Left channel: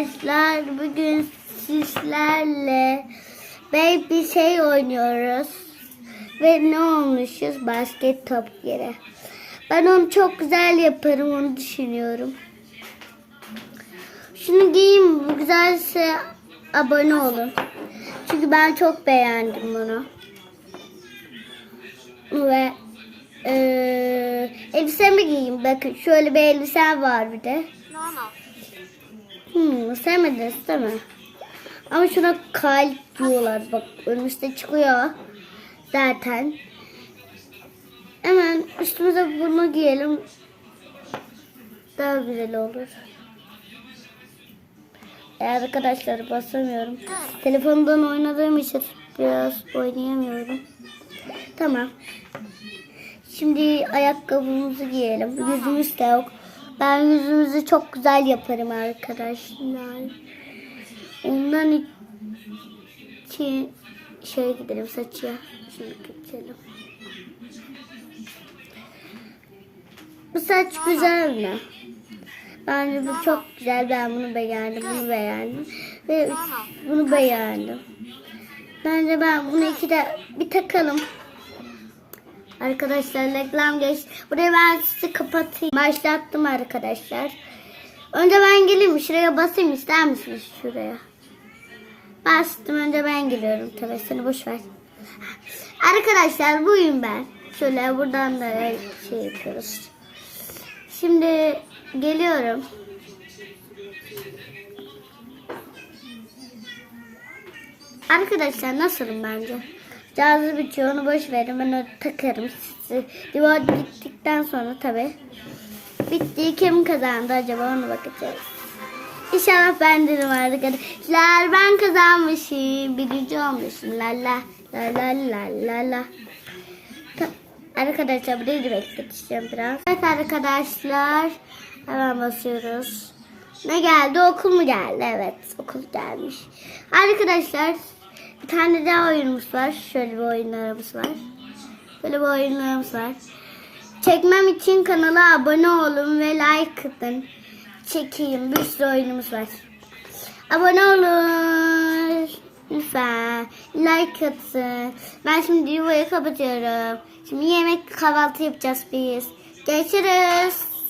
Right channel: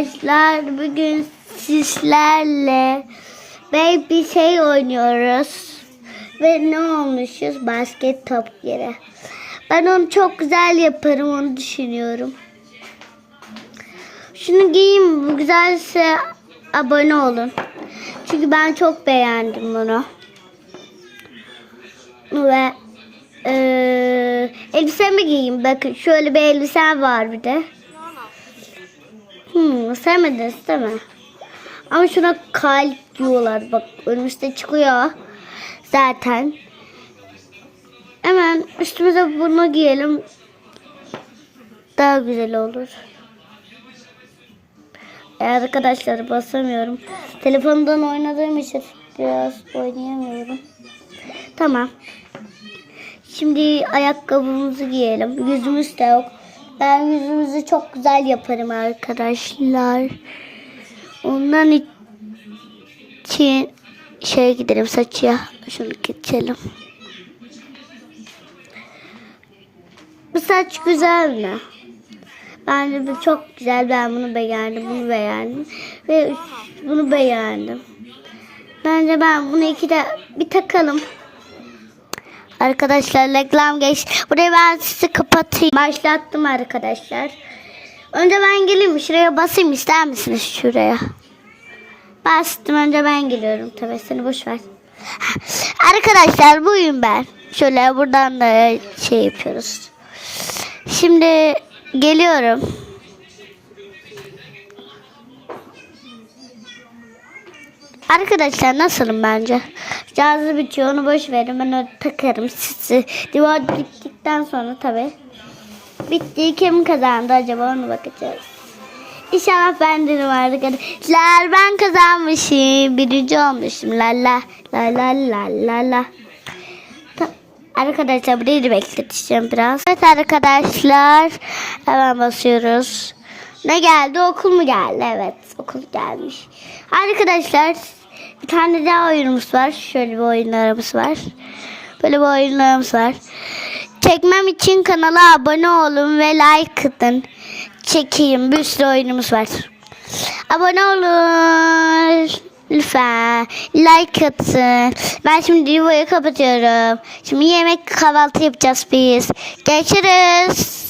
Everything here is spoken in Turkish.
arkadaşlar bugün sizlerle baby şey oynuyoruz. Ve ne olmuşuz? Basket top yere. Ben onu çok güzel yaparım onu düşünüyorum. Şunu giyeyim bu güzelse abone olun. Çünkü ben çok beğendim bunu. Ve eee elbisemi giyeyim. Bakın şöyle bir elbisem var bir de. Hmm, sevmediniz değil mi? Ama şuna kalp diyorlar. Bak önümüzde çıkıyor. Zaten. Hemen üstümüze bunu giyelim. Daha güzel olur. E arkadaşlar basamıyorum. Telefondan oynadığım için biraz oynayamıyorum. Tamam. Şimdi ayakkabımızı giyelim. Yüzümüz de yok. Ben yüzümüzü çok güzel yaparım arkadaşlar. Ondan için şeye gidelim saçıya. Şunu geçelim. Bu saç güzel mi? Bence bu çok güzel. Ben bunu beğendim. Bunu beğendim. Ve bunu beğendim. Bence ben bunu iki de bir takalım. Arkadaşlar reklam geç. Burayı ben sizi kapatayım. Başlattım arkadaşlar. Önce ben geleyim? Şuraya basayım ister misiniz şuraya? Bastım önce ben geliyorum. Tabii seni boş ver. Arkadaşlar buyum ben. Şöyle buradan da şey yapıyoruz. Şimdi geliyorum. Arkadaşlar nasılım bence? Cazı bitiyor onu boş verin ben onu takarım sizi. Divar gittikten sonra tabi. Bitti kim kazandı acaba onu bakacağız. İnşallah bende de vardı arkadaşlar. Ben kazanmışım. Birinci olmuşum. La la la la la la la. Arkadaşlar burayı bekleteceğim biraz. Evet arkadaşlar. Hemen basıyoruz. Ne geldi? Okul mu geldi? Evet. Okul gelmiş. Arkadaşlar bir tane daha oyunumuz var. Şöyle bir oyunlarımız var. Böyle bir oyunlarımız var. Çekmem için kanala abone olun ve like atın. Çekeyim. Bir sürü oyunumuz var. Abone olun. Lütfen. Like atın. Ben şimdi videoyu kapatıyorum. Şimdi yemek kahvaltı yapacağız biz. Görüşürüz.